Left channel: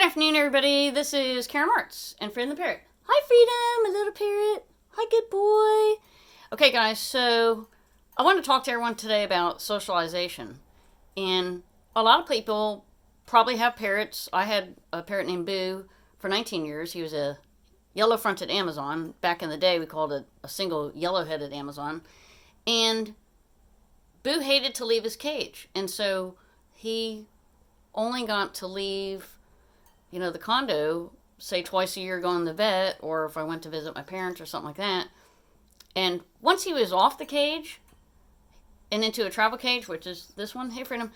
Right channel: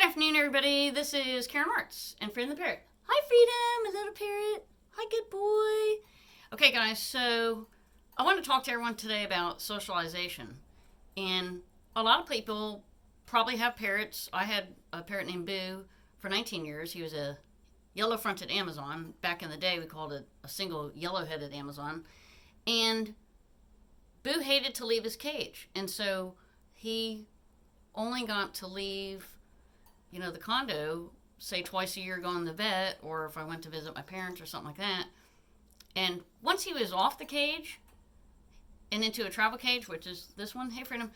Good afternoon, everybody. This is Marts and Freedom the Parrot. Hi, Freedom, my little parrot. Hi, good boy. Okay, guys, so I want to talk to everyone today about socialization. And a lot of people probably have parrots. I had a parrot named Boo for 19 years. He was a yellow-fronted Amazon. Back in the day, we called it a single yellow-headed Amazon. And Boo hated to leave his cage. And so he only got to leave the condo, say twice a year going to the vet, or if I went to visit my parents or something like that. And once he was off the cage and into a travel cage, which is this one, hey Freedom,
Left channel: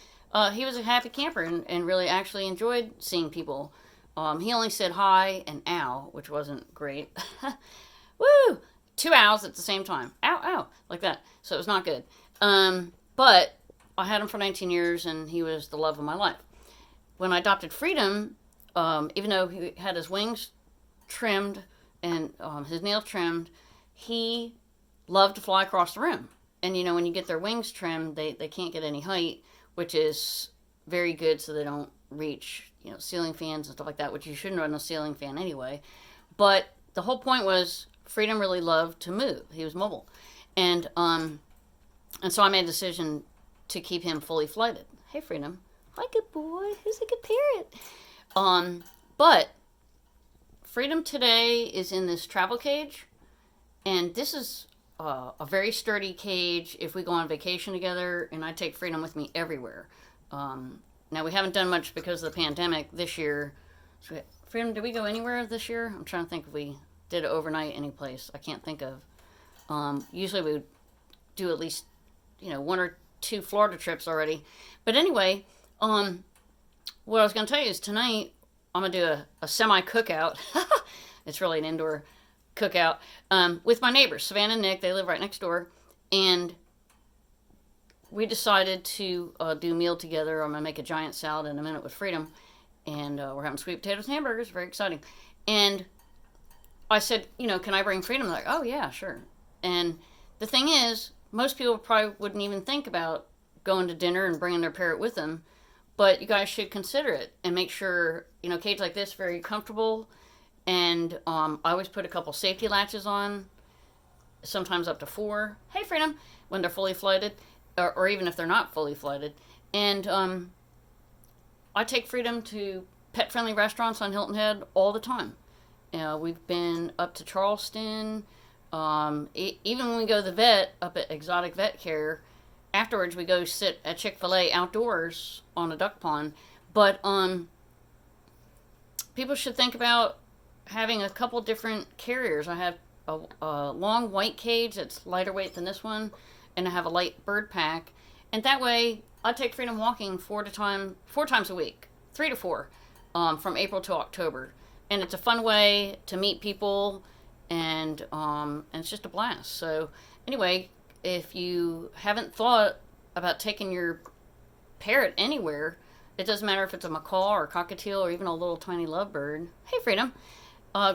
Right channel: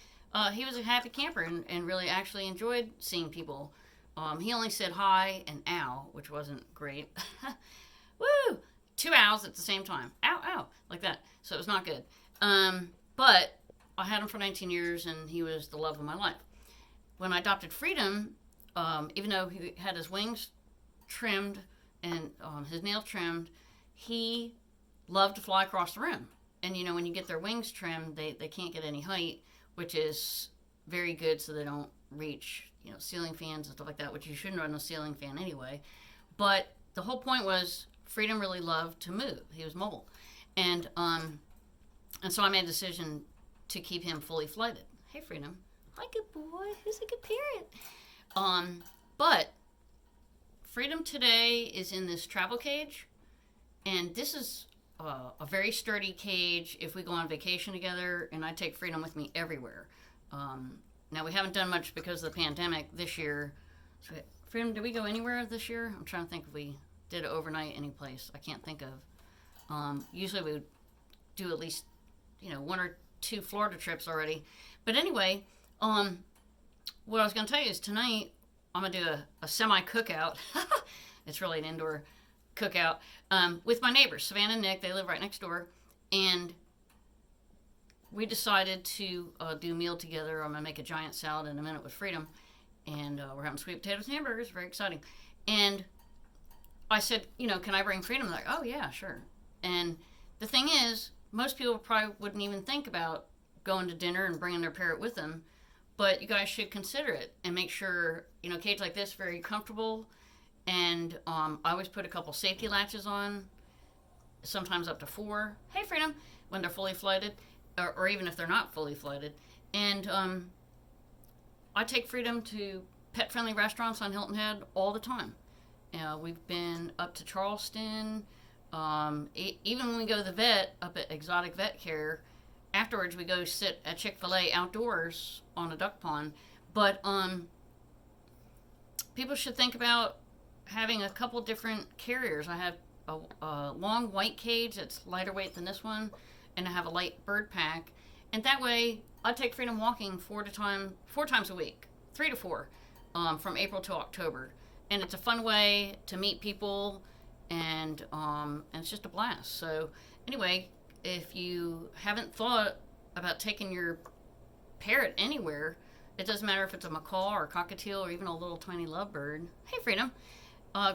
he was a happy camper and really actually enjoyed seeing people. He only said hi and ow, which wasn't great. Woo! 2 owls at the same time. Ow, ow, like that. So it was not good. But I had him for 19 years and he was the love of my life. When I adopted Freedom, even though he had his wings trimmed and his nails trimmed, he loved to fly across the room. And when you get their wings trimmed, they can't get any height, which is very good so they don't reach ceiling fans and stuff like that, which you shouldn't run a ceiling fan anyway. But the whole point was Freedom really loved to move. He was mobile. And so I made a decision to keep him fully flighted. Hey Freedom. Hi, good boy. Who's a good parrot? But Freedom today is in this travel cage, and this is a very sturdy cage if we go on vacation together, and I take Freedom with me everywhere. Now, we haven't done much because of the pandemic this year. So, Freedom, did we go anywhere this year? I'm trying to think if we did it overnight any place. I can't think of. Usually we would do at least, 1 or 2 Florida trips already. But anyway, what I was going to tell you is tonight I'm going to do a semi-cookout. It's really an indoor cookout with my neighbors, Savannah and Nick. They live right next door. And we decided to do a meal together. I'm going to make a giant salad in a minute with Freedom. And we're having sweet potatoes and hamburgers. Very exciting. And I said, can I bring Freedom? They're like, oh, yeah, sure. And the thing is, most people probably wouldn't even think about going to dinner and bringing their parrot with them. But you guys should consider it and make sure, a cage like this, very comfortable. And I always put a couple safety latches on, sometimes up to 4. Hey, Freedom, when they're fully flighted, or even if they're not fully flighted. And I take Freedom to pet-friendly restaurants on Hilton Head all the time. We've been up to Charleston. Even when we go to the vet, up at Exotic Vet Care, afterwards we go sit at Chick-fil-A outdoors on a duck pond. But people should think about having a couple different carriers. I have a long white cage that's lighter weight than this one, and I have a light bird pack. And that way I take Freedom walking 4 times a week, 3 to 4, from April to October. And it's a fun way to meet people, and it's just a blast. So anyway, if you haven't thought about taking your parrot anywhere, it doesn't matter if it's a macaw or a cockatiel or even a little tiny lovebird. Hey, Freedom.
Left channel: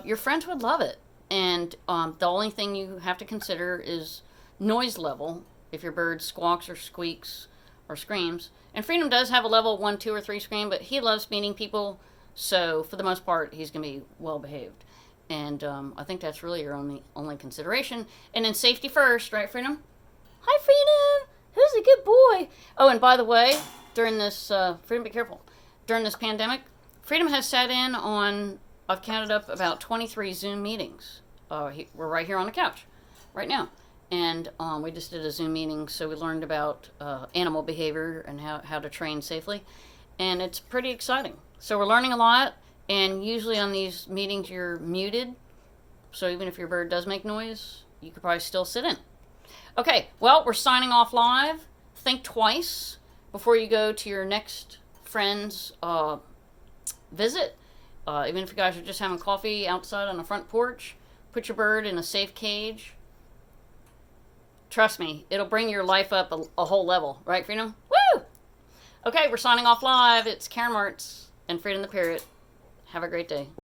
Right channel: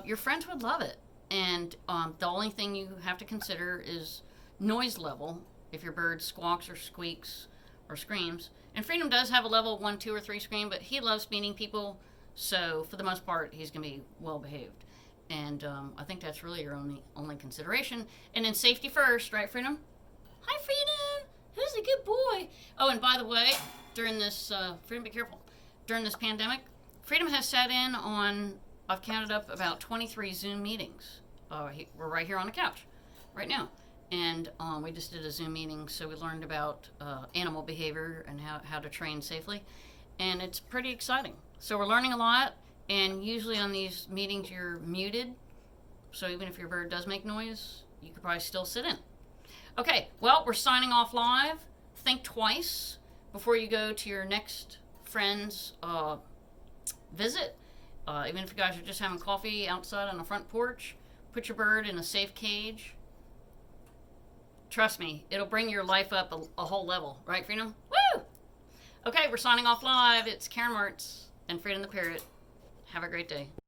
Your friends would love it. And the only thing you have to consider is noise level, if your bird squawks or squeaks or screams. And Freedom does have a level 1, 2, or 3 scream, but he loves meeting people, so for the most part, he's going to be well behaved. And I think that's really your only consideration. And then safety first, right, Freedom? Hi, Freedom. Who's a good boy? Oh, and by the way, during this, Freedom, be careful. During this pandemic, Freedom has sat in on, I've counted up about 23 Zoom meetings. We're right here on the couch right now. And we just did a Zoom meeting, so we learned about animal behavior and how to train safely. And it's pretty exciting. So we're learning a lot. And usually on these meetings, you're muted. So even if your bird does make noise, you could probably still sit in. Okay, well, we're signing off live. Think twice before you go to your next friend's visit. Even if you guys are just having coffee outside on the front porch, put your bird in a safe cage. Trust me, it'll bring your life up a whole level. Right, Freedom? Woo! Okay, we're signing off live. It's Marts and Freedom the Parrot. Have a great day.